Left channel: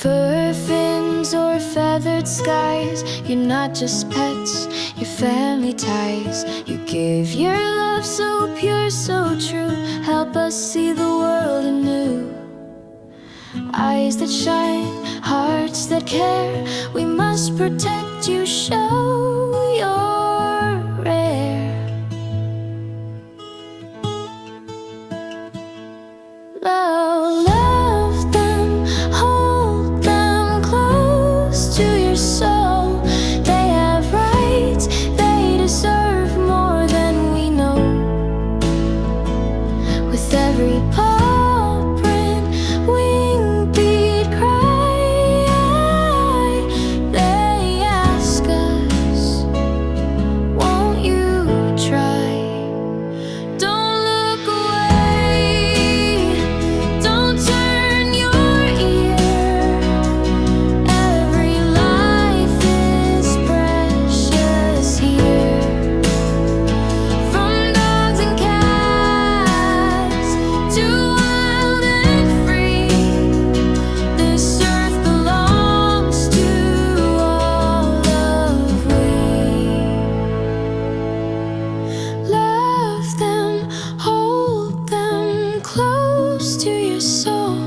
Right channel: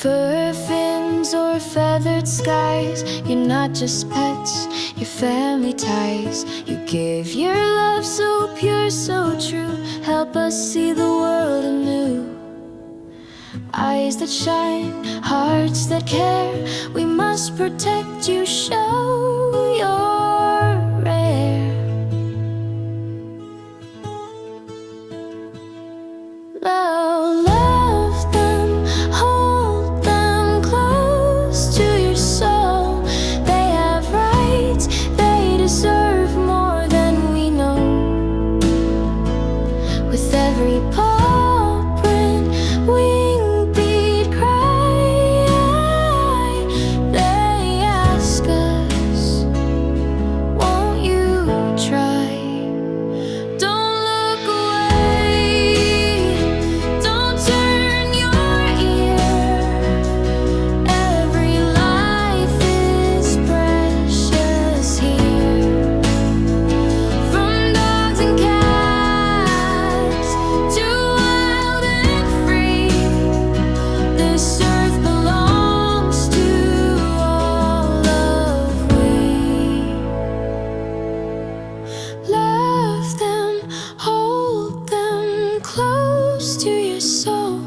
Fur fins or feathered skies, you're not just pets, you're family ties. You give your love so pure, so true. Help us see the world anew. Eyes that shine, hearts that care. We must protect you, show you're rare. Love them, hold them close to your soul. They have rights, they deserve more than we know. With every paw print, wing beat, cry, they ask us, won't you try? Don't look away, don't turn your ear. Every life is precious here. From dogs and cats to wild and free, this earth belongs to all of we. Love them, hold them close to your soul.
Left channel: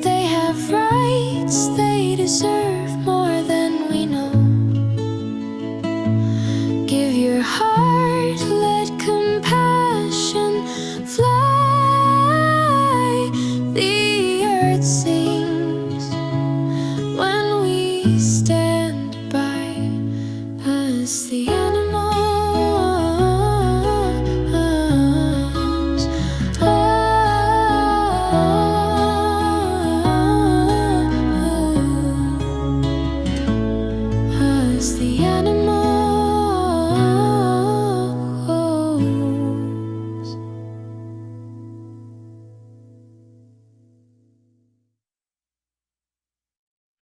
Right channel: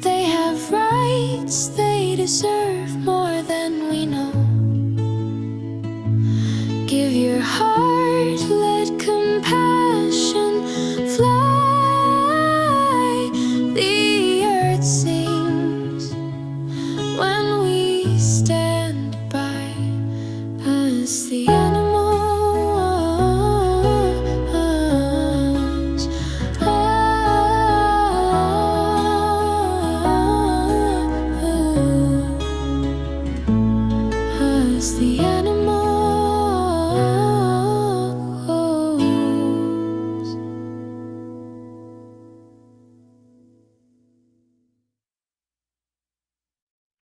They have rights, they deserve more than we know. Give your heart, let compassion fly. The earth sings when we stand by us, the animals. Us, the animals.